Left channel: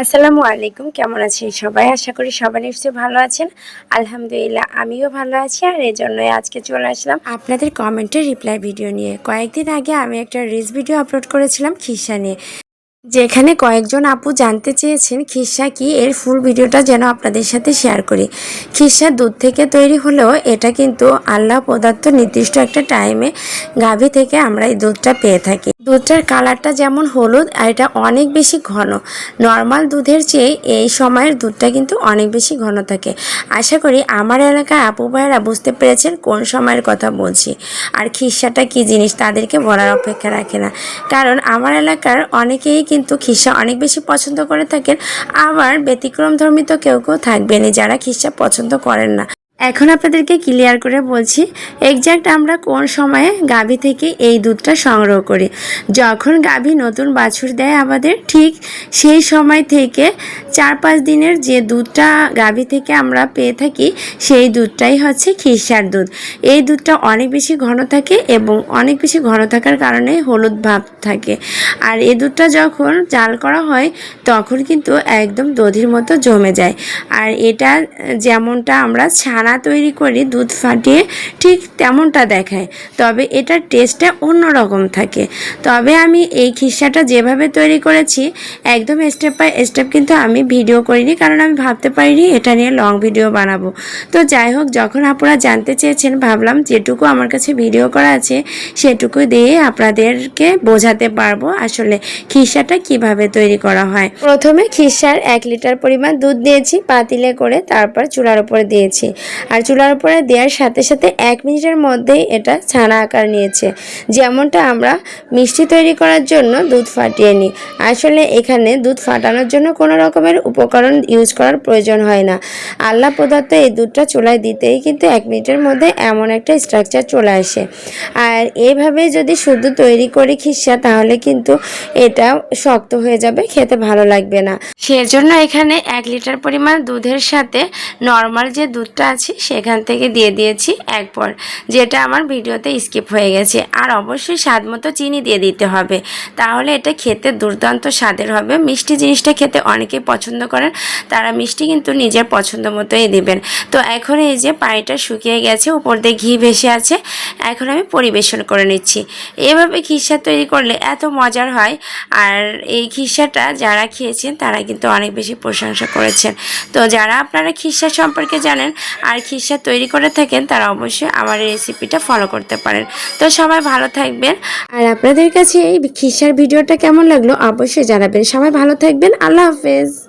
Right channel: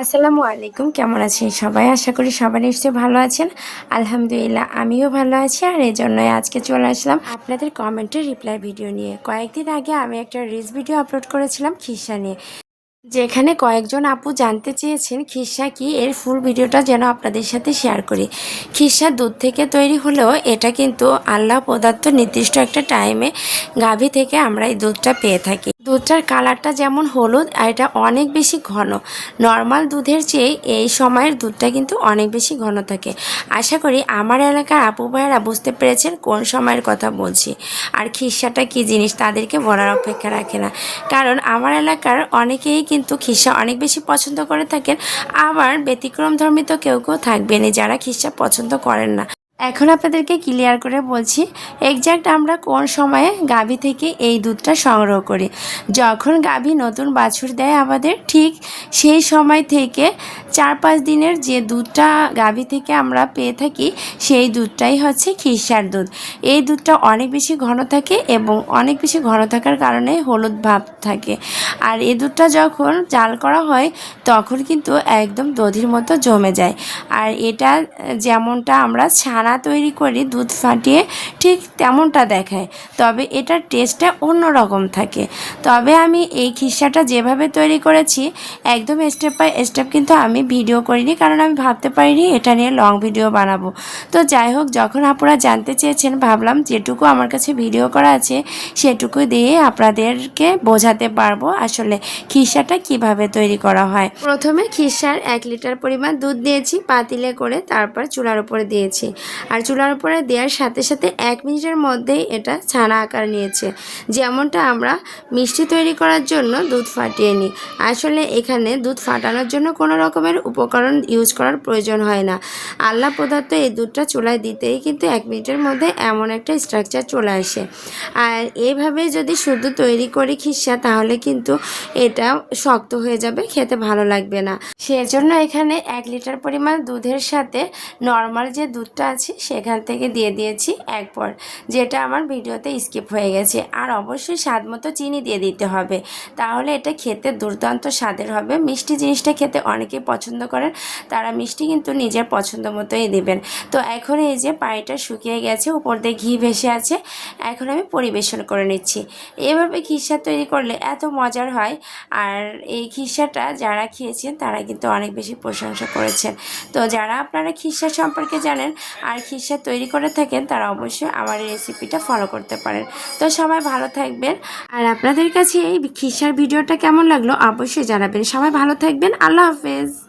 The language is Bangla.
আসসালামু আলাইকুম, কেমন আছেন সবাই? আশা করি সবাই নিশ্চয়ই ভালো আছেন। আলহামদুলিল্লাহ, আমিও ভালো আছি। আর এই জন্যই আজকে চলে আসলাম আপনাদের কমেন্টের রিপ্লাই ভিডিও নিয়ে। কয়েকদিন আগে আমি একটা রিলস ভিডিও আপলোড করেছিলাম খিসা নিয়ে। যেখানে কয়েকজন আপু জানতে চেয়েছেন খিসা কি, এর ফুল ভিডিওটা যেন আপনাদের সাথে শেয়ার করি। খিসা দুধ থেকে তৈরি হলেও এটা কিন্তু আল্লাহ পদার্থ নির্দিষ্ট একটা টাইমে গাভী থেকে আমরা এই দুধটা পেয়ে থাকি। দুধটার কালারটা যেমন হলুদ, আর এটা অনেক বেশি ঘন। নর্মাল দুধের চেয়ে এই সময়ের দুধটা কিন্তু অনেক বেশি ঘন থাকে। আশা করি আমার এলাকায় আপু ভাইয়েরা বুঝতে পেরেছেন কোন সময়ের কথা বলছি। আর খিসাটা কি জিনিস তাদেরকে বলার অপেক্ষা রাখে না। কারণ আমার এলাকার অনেকেই কিন্তু খিসা অনেক বেশি পছন্দ করে থাকেন। আবার ব্যতিক্রম ধর্মী তো কেউ কেউ থাকবেনই যারা খিসা পছন্দ করেন না। এখন আপনাদেরকে ক্লিয়ার করে বলছি এক্স্যাক্ট আমরা কোন সময়ে গাভী থেকে এই দুধটা সংগ্রহ করি? যখন গাভী নতুন বাছুর দেয় আমাদের, ঠিক সেই সময় থেকে চার পাঁচ দিনের যে দুধটা গাভী থেকে আমরা পেয়ে থাকি, সেই দুধটাই হচ্ছে খিরসার দুধ। এই দুধটা অনেক বেশি ঘন থাকে এবং অনেক বেশি ঘন থাকার কারণে হলুদ ভাব থাকে। আর এই দুধটা যখন জাল করা হয়, তখন কিন্তু একদম দধির মতো জমে যায়। আর এটা যেমনটা আমরা ছানা তৈরি করি দুধ ফাটিয়ে ঠিক তেমনটা দেখায়। তবে এটার টেস্টটা অন্যরকম থাকে। তবে আমি এই খিসাটা যেভাবে তৈরি করেছি, একদম স্টেপ বাই স্টেপ কিন্তু আমি ভিডিও করিনি কারণ আমি ভাবতে পারিনি এটা নিয়ে লং ভিডিও বানাবো। তো যাই হোক, যখন আপনারা জানতে চেয়েছেন, ভাবলাম যেটুকু আমার কাছে ভিডিও করা আছে সেটুকু দিয়ে আপনাদেরকে বোঝাতে পারব আসলে খিসাটা কীভাবে তৈরি করা হয়। প্রথমে খিসার এক লিটার পরিমাণ দুধ দিয়েছি, পাতিলে করে তারপর চুলার উপরে দিয়েছি। আর চুলার উপরে দেওয়ার সাথে সাথে এক মিনিটের মধ্যেই এটা ছানা আকার নিয়েছে। যেমনটা আমরা মিষ্টি তৈরি করার জন্য দুধ ফাটিয়ে নিই। আসলে এখানে দুধ ফাটানোর জন্য কোনো রকমের উপকরণ ইউজ করার প্রয়োজন হয় না। আল্লাহ পদার্থ এই দুধটা চুলায় দিতেই কিন্তু এক মিনিটের মধ্যে এমন একটা স্ট্রাকচার চলে আসে। আর এইভাবে যদি শুধু তৈরি করি খিসা, তাহলে কিন্তু এটা শক্ত হয়ে যাবে, খেতে ভালো লাগবে না। সেজন্য এখানে এক লিটার পরিমাণ দুধের সাথে নর্মাল যে দুধটা আছে সেখান থেকে দিয়ে দিয়েছি এক পর, যেটা আমার ভিডিওতে স্কিপ হয়ে গেছে। আর অবশ্যই স্বাদ মতো চিনি দিয়ে দিতে হবে। তাহলে এটা খেতে দুর্দান্ত স্বাদের হবে। মিষ্টি জিনিসটা খেতে অনেকেই পছন্দ করেন, তারা মিষ্টি কিন্তু নিজের পছন্দ মতোই দেবেন। তো এখন এই যে পানিটা শুকিয়ে গেছে, উপর দিয়ে ঘি ভেসে আছে, এখন আমি পরিবেশন করে নিচ্ছি। এভাবে খিসা তৈরি করলে এত মজার হয়। আর এই খিসাটা যারা খেয়েছেন, তারা কিন্তু অনেক বেশি প্রশংসা করেছেন। তো যারা আপনারা খিসা সম্পর্কে জানেন আর খিসা তৈরি করে থাকেন, তারা অবশ্যই আমার এই রেসিপিটা ফলো করতে পারেন। তো সবাই ভালো থাকবেন। আর আপনাদের কাছে এই খিসার ভিডিওটা কেমন লাগল, অবশ্যই জানাবেন। সবাই ভালো থাকবেন। আল্লাহ হাফেজ।